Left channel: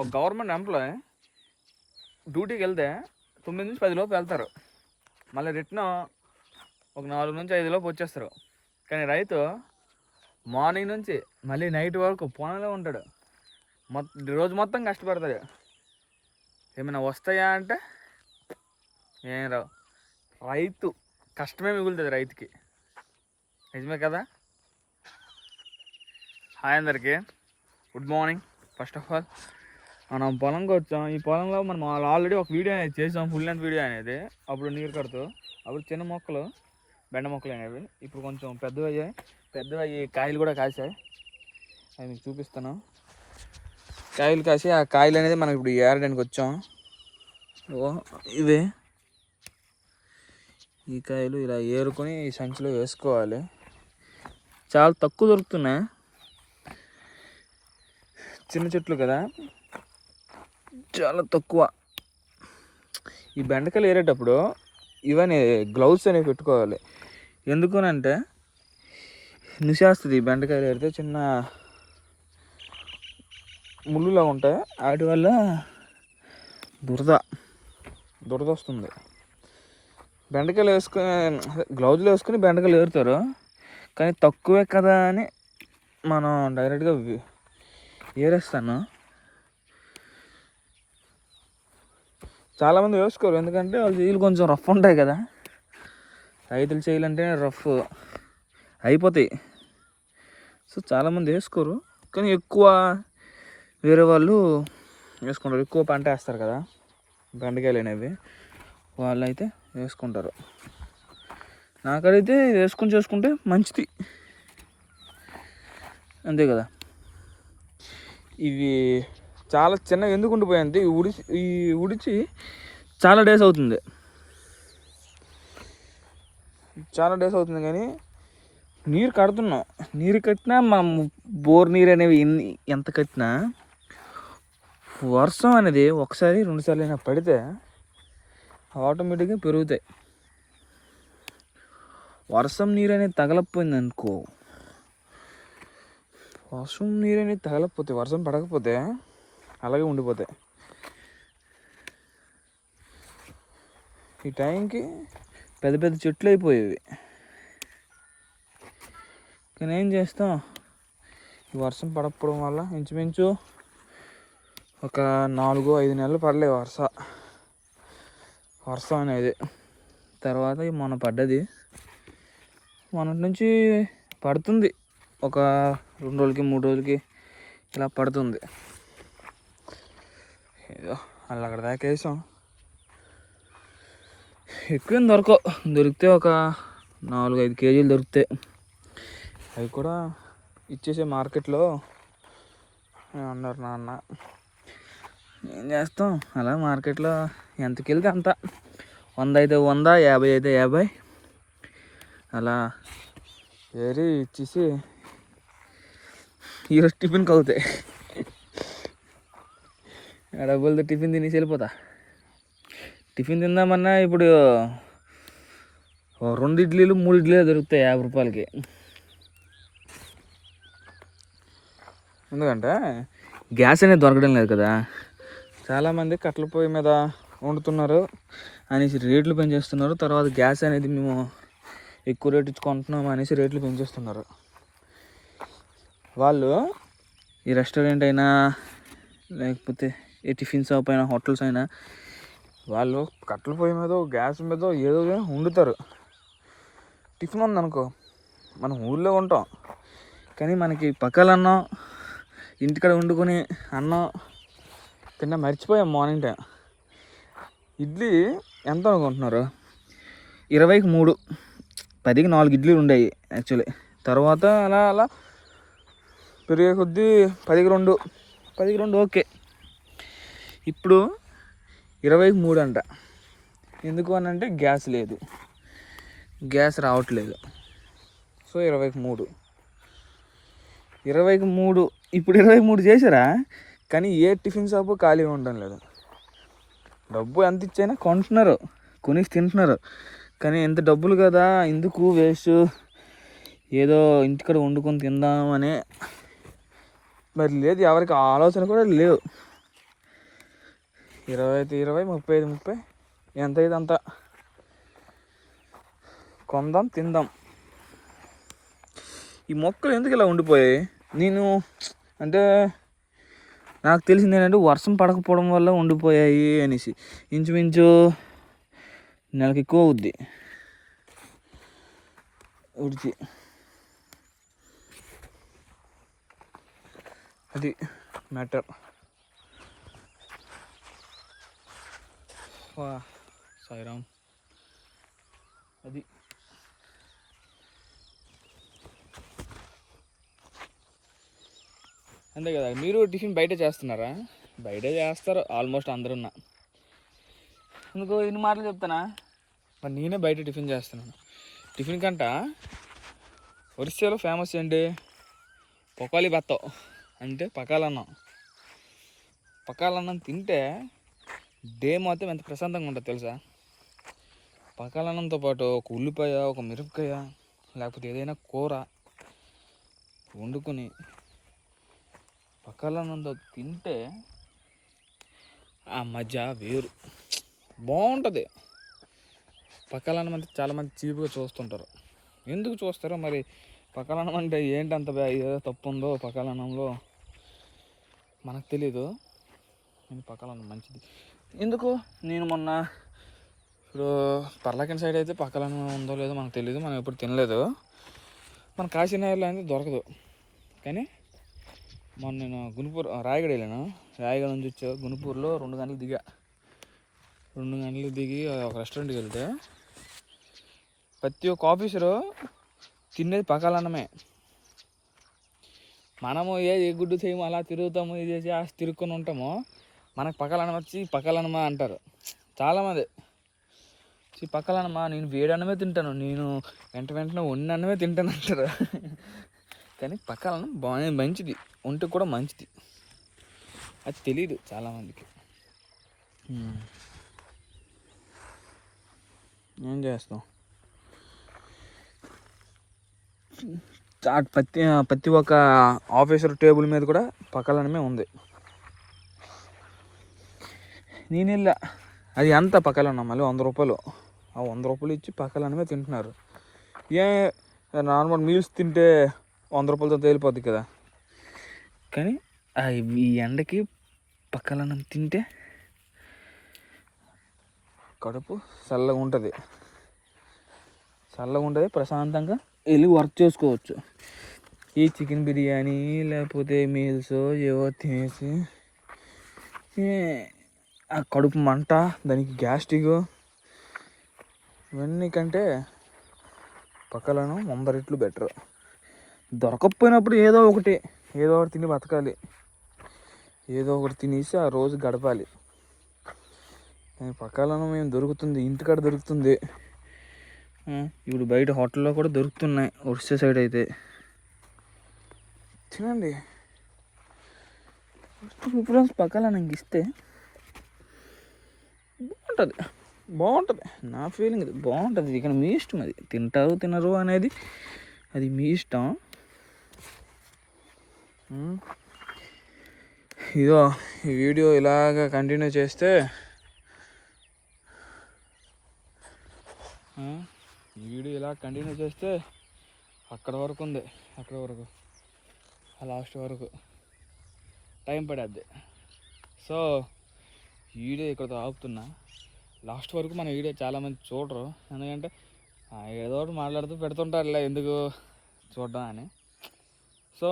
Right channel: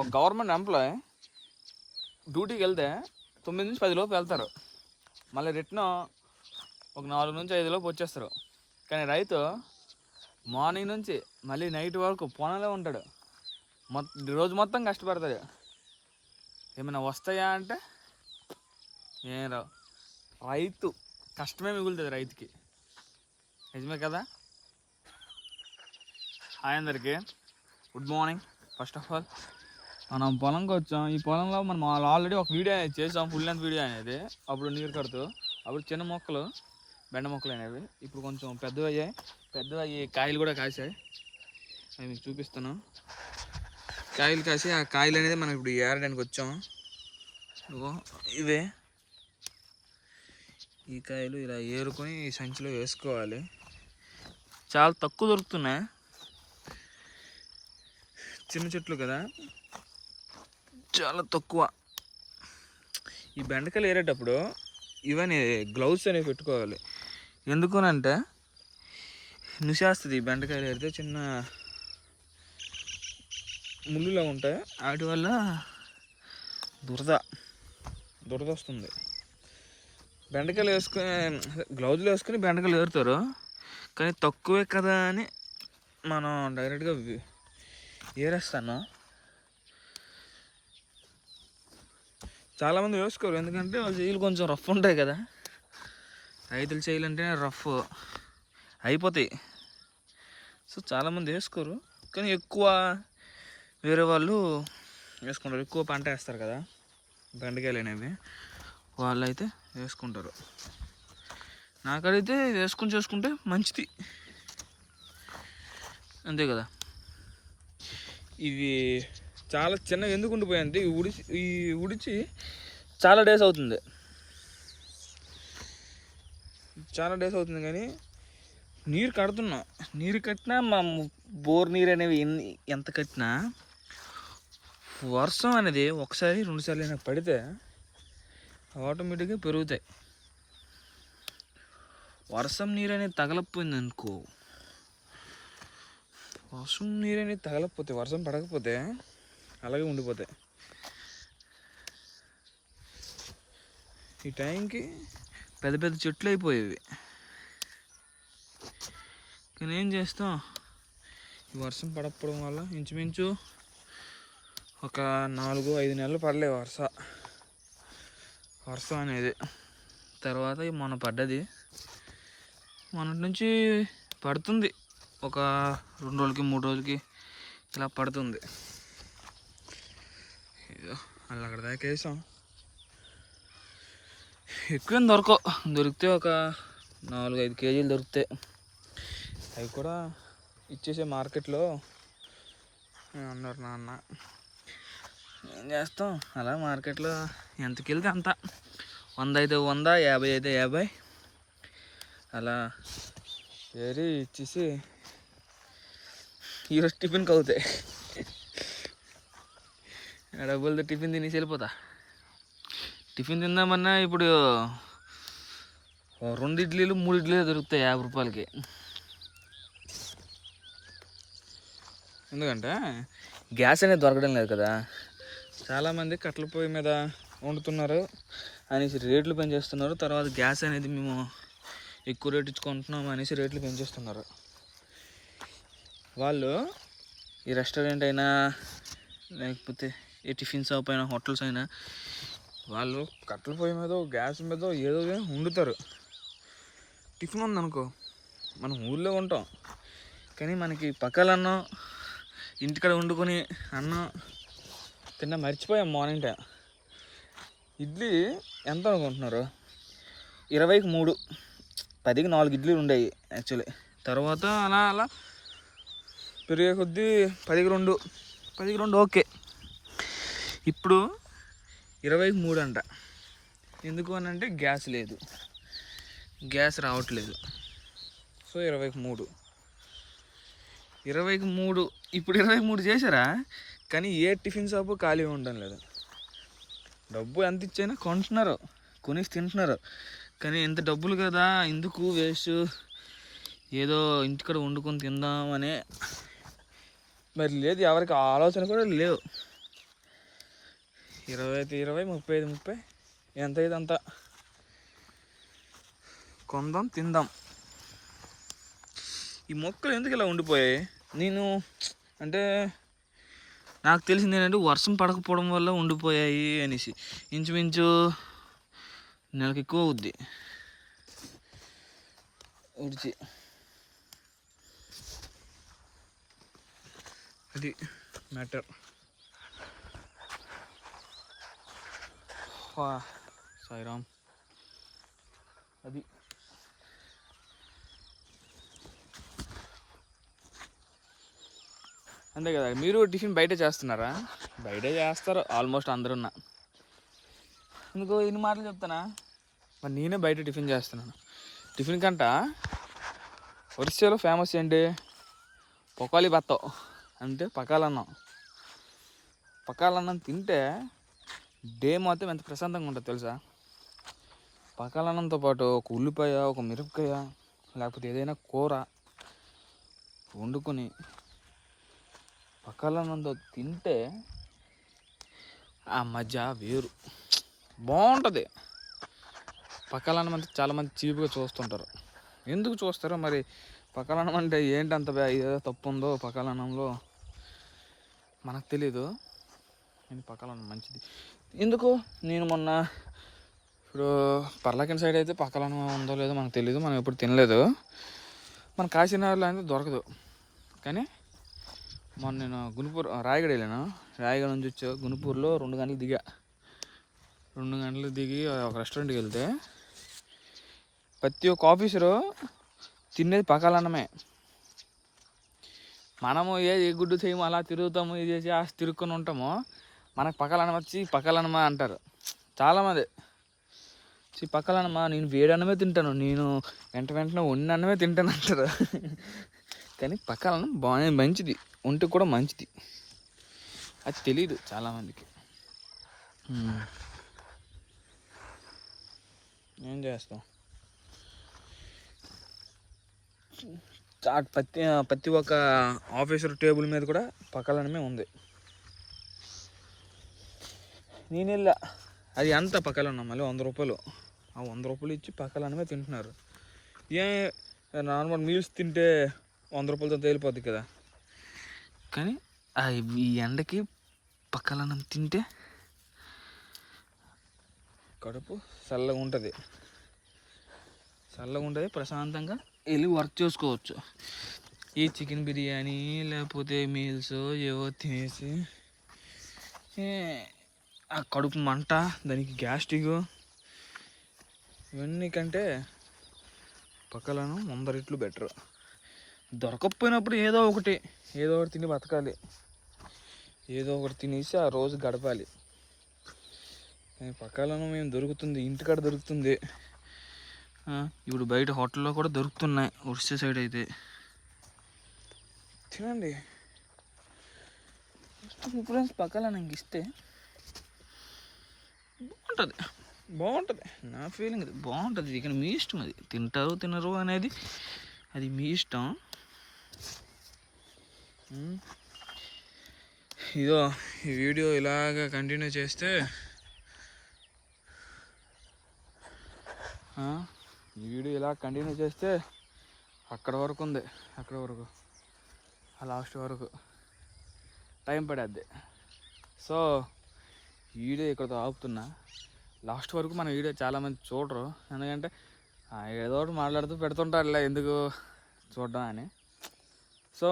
ఒక government employee డ్యూటీకి వెళ్తే 9 నుంచి 10 లోపు వెళ్తారు, మళ్ళీ రిటర్న్ ఒక 4 నుంచి 5 లోపు వచ్చేస్తారు. కానీ రైతు మార్నింగ్ నుంచి మళ్ళీ నైట్ వరకు పొలంలో ఉంటాడు, రోజు మొత్తం కష్టపడతాడు. ఏమైనా వస్తాయా అంటే ఏం రావు. రైతు కష్టమే మిగులుతుంది రైతుకి, నిజమే కదా. హాయ్ అందరికీ, good morning. First of all మనం పొలంకి వచ్చాం. ఈ పొలంలో మనం ఆల్రెడీ ఒక వీడియో అనేది చేసాం, ఫుల్ లెంత్ వీడియో అనేది. అప్పుడు నీరు కడుతూ అప్పుడు చిన్న మొక్కలు, బెండ మొక్కలు అనేవి ఇప్పుడు కొంచెం పెద్దవయ్యి కాయలు కూడా కాసాయి. అవి మీకు చూపిస్తాను. కాయలు కాసి ఆ కాయలు అనేది మనం ఇప్పుడు ఏరడానికి వచ్చాం. ఇవి ఈ కాయలు ఇలా ఏరుకొని ఈ సంచిలో వేసుకోవాలి. చాలా తక్కువ దొరుకుతున్నాయి, చిన్న చెట్లు కదా, చాలా తక్కువ. ఈ బెండకాయలు ఏరేటప్పుడు ఇవన్నీ గ్లౌస్ అనేవి పెట్టుకోవాలి. ఎందుకనంటే నిశాస్తుంది. బెండకాయలు ఏరితే చిన్న ముళ్ళులా ఉంటాయి, వాటి వల్ల దురద వస్తుంది. బెండకాయలు వేసుకుని గ్లౌజులు వేసుకుని బెండకాయలు ఏరుతారు, కానీ తక్కువే కదా అని మనం డైరెక్ట్గా ఏరేస్తాను. చాలామంది వేసుకోరు, ఎందుకంటే వాళ్ళ చేతులు కొంచెం రఫ్ ఉంటాయి కదా. రైతులు చేయాలంటే రఫ్ అయిపోతాయి. సో చాలామంది వేసుకోరు, కానీ ఎక్కువ వేరే వాళ్ళు వేసుకుంటారు. ఎక్కువ పంట వేస్తారు కదా బెండకాయలు అనేవి, వాళ్ళు అయితే వేసుకుంటారు. నాకైతే చేసుకుంటే మంచిది, అంతే కదా. ఇది చాలా చిన్న ఎందుకు ఉండిపోయింది, ఈ ఉడిచి చాలా డేస్ అవుతుంది కానీ నీరు కడుతున్నాం. నీరు కట్టినా మనం బోర్ నీరు అనేవి ఎంత కట్టినా వర్షం అనేది ఒకసారి 2 సార్లు అయినా పడితే ఆటోమేటిక్గా పెరుగుతాయి. వర్షం నీరు అనేది తగలకపోయింది అనుకో, వర్షం పడకపోతే అలాగే ఉండిపోతాయి. ఈ టైంకి పెద్ద పెద్ద చెట్లు అయిపోయేవి, కానీ ఏం చేస్తాం, ఈ వర్షం పడకపోవడం వల్ల ఇంచుమించు ఒక 4-5 నెలలు పడలేదు వర్షం అనేది. తర్వాత మొన్న పడ్డది, మొన్నటి నుంచి పడుతుంది. ఒక 2 రోజులకి 3 రోజులకి ఇలా పడుతుంది. ఏదో అలా అక్కడ దాకా వేసాం. ఎక్కువేం దొరికితే ఒక 4-5 కేజీలు దొరుకుతాయి. అవి కూడా ఇచ్చేసే మార్కెట్లో అన్నారు నాన్న. ఏం చేస్తాం, అలా మార్కెట్లో ఎంతకి వెళ్తే అంత, 100 అయితే 100, 50 అయితే 50 అలా వేరే ఇచ్చేసి ఈరోజు టిఫిన్కి అవుతాయి. డబ్బులతో టిఫిన్ తినేసి వెళ్ళిపోతా. టిఫిన్ తిందామన్నా ఇప్పుడు 2 ఇడ్లీలు 3 ఇడ్లీలు దొరుకుతాయి 50 రూపాయలకి. ఎందుకంటే గ్యాస్ అనేది దొరకడం లేదు కదా. చాలామంది కట్టెల పొయ్యి మీద వండుతున్నారు అనేసి రేట్లు పెంచేస్తున్నారు. తర్వాత గ్యాస్ అనేది మేము ఎక్కువ రేటు ఇచ్చుకుంటున్నాం అనేసి రేట్లు పెంచేస్తున్నారు. వాళ్ళు ఈ రెస్టారెంట్ అయినా లేకపోతే ఏ టిఫిన్ షాప్ అయినా హోటల్స్ అయినా వాళ్ళు కట్టెల పొయ్యి మీద గ్యాస్ మీద ఏదో వండుతారు. టిఫిన్ ఉందనుకో, మనం ఊళ్ళో ఉంటాం కానీ మనకి పక్కలన్నం ఇంటికాడ వండుకొని అన్నం తిన్నా మర్చిపోయాం. మార్నింగ్ టైం ఇడ్లీ ఎంత అనుకుంటున్నారు, 20కి 3, 10కి 4 ఇడ్లీలు ఉండేవి యాక్చువల్లీ. తర్వాత అలా పెరిగే కొద్దీ 10కి 2 ఓకే. ఇప్పుడు 20కి 3 అంట. ఎందుకు అని అంటే గ్యాస్ లేదు, గ్యాస్ రావట్లేదు. సో 20కి 3 ఇప్పుడు 20కి 3 చేశారా, కానీ ఏ టిఫిన్ షాపు ఖాళీగా ఉండడం లేదు. డబ్బు ఎంత ఇచ్చైనా కొంటున్నారు, కొనేసి తింటున్నారు. కానీ ఎంత డబ్బులు కదా, ఎందుకు వేస్ట్, ఏదో ఇంటికాడ వండుకొని తిందామని మరి లేదు, ఎవరికి ఆలోచన కూడా లేవు. 20 అయితే 20, 30 అయితే 30, ఎంత అయితే అంత కొందాం తిందాం. ఈ మొక్కలు ఎందుకు ఇలా ఉండిపోయాయి? నేను అంటే నాకు తెలిసింది ఏంటంటే వర్షం పడకపోవడం వల్ల ఉండిపోయాయి అనేసి. ఇంచుమించు నెలకి ఎక్కువ అవుద్ది ఉడిచి. అది మ్యాటర్. సాయిరామ్. అది అంతే కదా. మీరు టిఫిన్ బయట చేస్తున్నారా? బయట చేస్తారు ఆల్మోస్ట్ అందరున్నా. ఇంకో ఇన్ని మాటలు చెప్తానా, మరి నేనే బయట టిఫిన్ చేస్తున్నాను. టిఫిన్ కంట ఒరిస్సాలో ఫేమస్ ఏంటి? పొకాలి బత్తం అంటే పకాలన్నం. పకాలన్నం తింటే డే మొత్తం ఎంత ప్రశాంతంగా ఉంటుంది తెలుసా? పకాలన్నంతో పాటు ఒక ఉల్లిపాయ, ఒక మిరపకాయ, లేకపోతే ఏదైనా కూర వండుకొని పకాలన్నంతో తింటే ఆ మజా వేరు, బాగుంటుంది. పకాలన్నం అంటే చాలామంది చీపుగా చూస్తుంటారు. ఎందుకు చూస్తారో మరి. పకాలన్నం అంటే ఏంటంత ఏదో తప్పు ఉందో పకాలన్నంలో మనకు తెలీదు. నేను పకాలన్నం మంచిది. ఎందుకు నేను మొన్న ఇప్పుడు పర్లాకిన సైడ్ అయితే పకాలన్నం ఉందో లేదో మనకు తెలియదు, మనం ఎప్పుడు తినలేదు. మన కాశీనగర్లో అయితే దొరకదు. కానీ మొన్న నేను గుంటూరు రాయగడ వెళ్ళాను. రాయగడ నుంచి వచ్చా గుంటూరులో 2 గంటలు దిగా. 2 గంటలు దిగి ఒక రెస్టారెంట్కి వెళ్తే ప్రతి ఒక్క ఆఫీసరు తినేది పకాలన్నమే. మనము ఏ గుడ్డు చేయము అలా తిరుగుతాము, ఇది చేసి తిరుక్కొని ఉంటాము. మనకు పకాలన్నం వచ్చి పకాలన్నమా అంటారు చాలామంది. పకాలన్నమా నేను వేడన్నమే తింటాను, నేను వెంటనే వండినన్నమే తింటాను అంటారు. కానీ పకాలన్నం బాగా మంచిది, ఒంటికి కూడా మంచిది. అది తెలీదు చాలామందికి. ఏం చేస్తాం? ప్రతి ఒక్క ఆఫీసర్ టేబుల్ మీద కూడా పకాలన్నమే ఉంది. నేను వెళ్ళా, అది ఎంత పకాలన్నం మళ్ళీ 100 రూపాయలు. ఆ 100 రూపాయలు ఇచ్చి పకాలన్నమే తింటున్నారు. నార్మల్ మీల్స్ తింటే 100 రూపాయలతో తేలిపోద్ది కదా. కానీ ఈ ఎండకి పకాలన్నం తింటే కడుపు చల్లగా ఉంటుంది, ప్రశాంతంగా వెళ్ళి వర్క్ చేసుకోవచ్చు. ఈ చికెన్ బిర్యానీ లేకపోతే మీల్స్ ఏవో తినేసి ఆ కడుపు మంట, దానికి గ్యాస్ట్రిక్, ఇవన్నీ కంటే పకాలన్నం 100 రెట్లు బెటర్. దొరకకపోయినప్పుడు ఏదో ఒకటి తిని బతకాలి, ఏదో ఒకటి తినేసి ఆ రోజు గడపాలి. పకాలన్నం మేము దొరుకుతుంది, ఇంటికాడ దొరుకుతుంది. ఇప్పుడు బయట హోటల్లో కూడా దొరుకుతున్నాయి ఒరిస్సా సైడ్ అయితే. తినండి. ప్రిఫరెన్స్ పకాలన్నం ఇస్తే బాగుంటుంది. నా ఫీలింగ్ ఇది బాగుంటుంది. ఇక మీ ఇష్టం, అది తింటారు తినరు అనేది అది మీ ఇష్టం. ఇదో ఈ వీడియో ఇలాగ కంటిన్యూ చేస్తే అక్కడ వరకు ఉంది, అక్కడ వరకు ఆ లాస్ట్ వరకు టైం పడేద్ది. సో వీడియో ఇక్కడతో ఆపుతున్నా. లాస్ట్ వరకు మన వీడియో చాలామంది చూడరు, ఎందుకంటే ఏదో ఒకటి మాట్లాడుతూ పెడుతుంటారులే ఎందుకు చూడడం అని. సో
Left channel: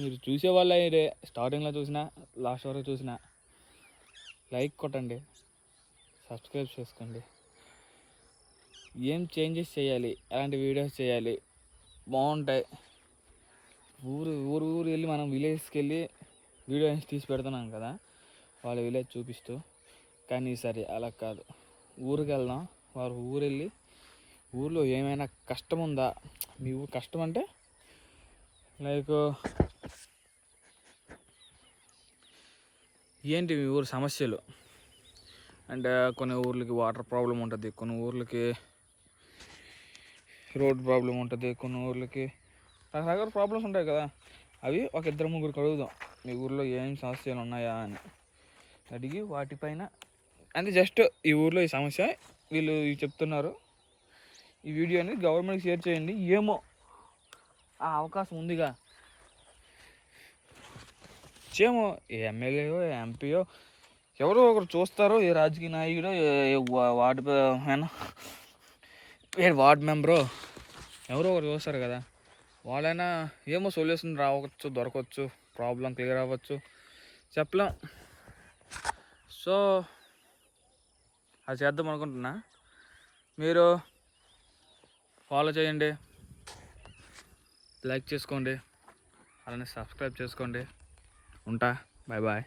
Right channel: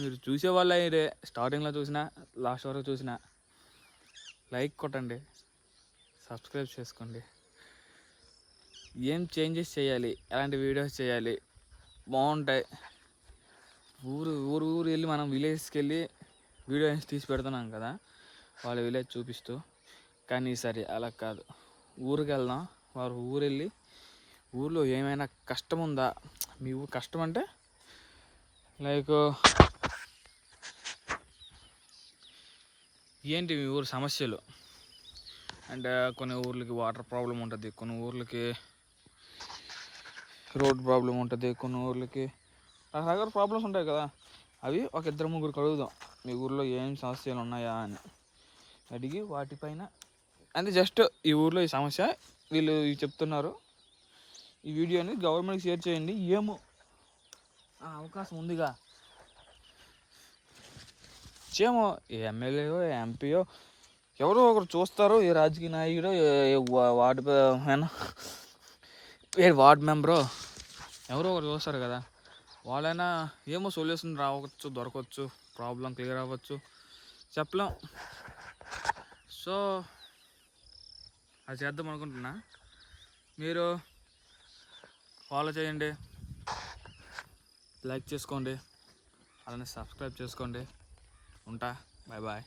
మీరు చూసేవాళ్ళ ఇదే స్టార్టింగ్లో చూసినా లాస్ట్ వరకు చూసినా లైక్ కొట్టండి, సబ్స్క్రైబ్ చేసుకోండి. ఏం చేంజెస్ చేయాలి, ఎలాంటి వీడియోస్ చేయాలి బాగుంటాయి. ఊరు వెళ్ళి మనం విలేజ్కి వెళ్ళి వీడియోస్ తీసి పెడుతున్నాం కదా, వాళ్ళ విలేజ్ చూపిస్తూ. కానీ ఈసారి అలా కాదు, ఊరికి వెళ్దాం. వారు ఊరు వెళ్ళి ఊర్లో ఏమైనా కష్టం ఉందా, మీ ఊరు కష్టం అంటే లైక్ ఏంటి మీ ఊరు సమస్యలు అంటే, కొన్ని ఊర్లకి వాటర్ ప్రాబ్లం ఉంటుంది, కొన్ని ఊర్లకి రోడ్ ప్రాబ్లం ఉంటుంది, కొన్ని ఊర్లకి రకరకాల ప్రాబ్లమ్స్ ఉంటాయి కదా. అవి ఒక 2-3 అడుగుదాం, మీ ఊర్లో ఏం సమస్యలు ఉన్నాయా అని అడిగి వాటిపైన అంటే జస్ట్ ఈ ఊర్లో ఈ సమస్య వీళ్ళు చెప్తున్నారు. ఈ వీడియోని గవర్నమెంట్కి షేర్ చేయండి. ఏమో ఆ అవకాశం ఉందిగా, ఏమో ఏ ఎమ్మెల్యేయో ఎంపీయో ఎవరో ఒకరు చూస్తారు, ఏ రాజకీయ నాయకుడో ఏ వార్డ్ మెంబరో ఎవరో ఒకరు చూస్తారు కదా, వాళ్ళైనా ఏమో సొల్యూషన్ రావచ్చు, దొరకవచ్చు, ప్రాబ్లం క్లియర్ అవ్వచ్చు, చెప్పలేం. సో అది చేద్దాం అనుకుంటున్నా. మీరు ఫాలో చేయండి, లైక్ చేసుకోండి, అలానే సబ్స్క్రైబ్ చేసుకోండి. ఉంటా, బాయ్ బాయ్.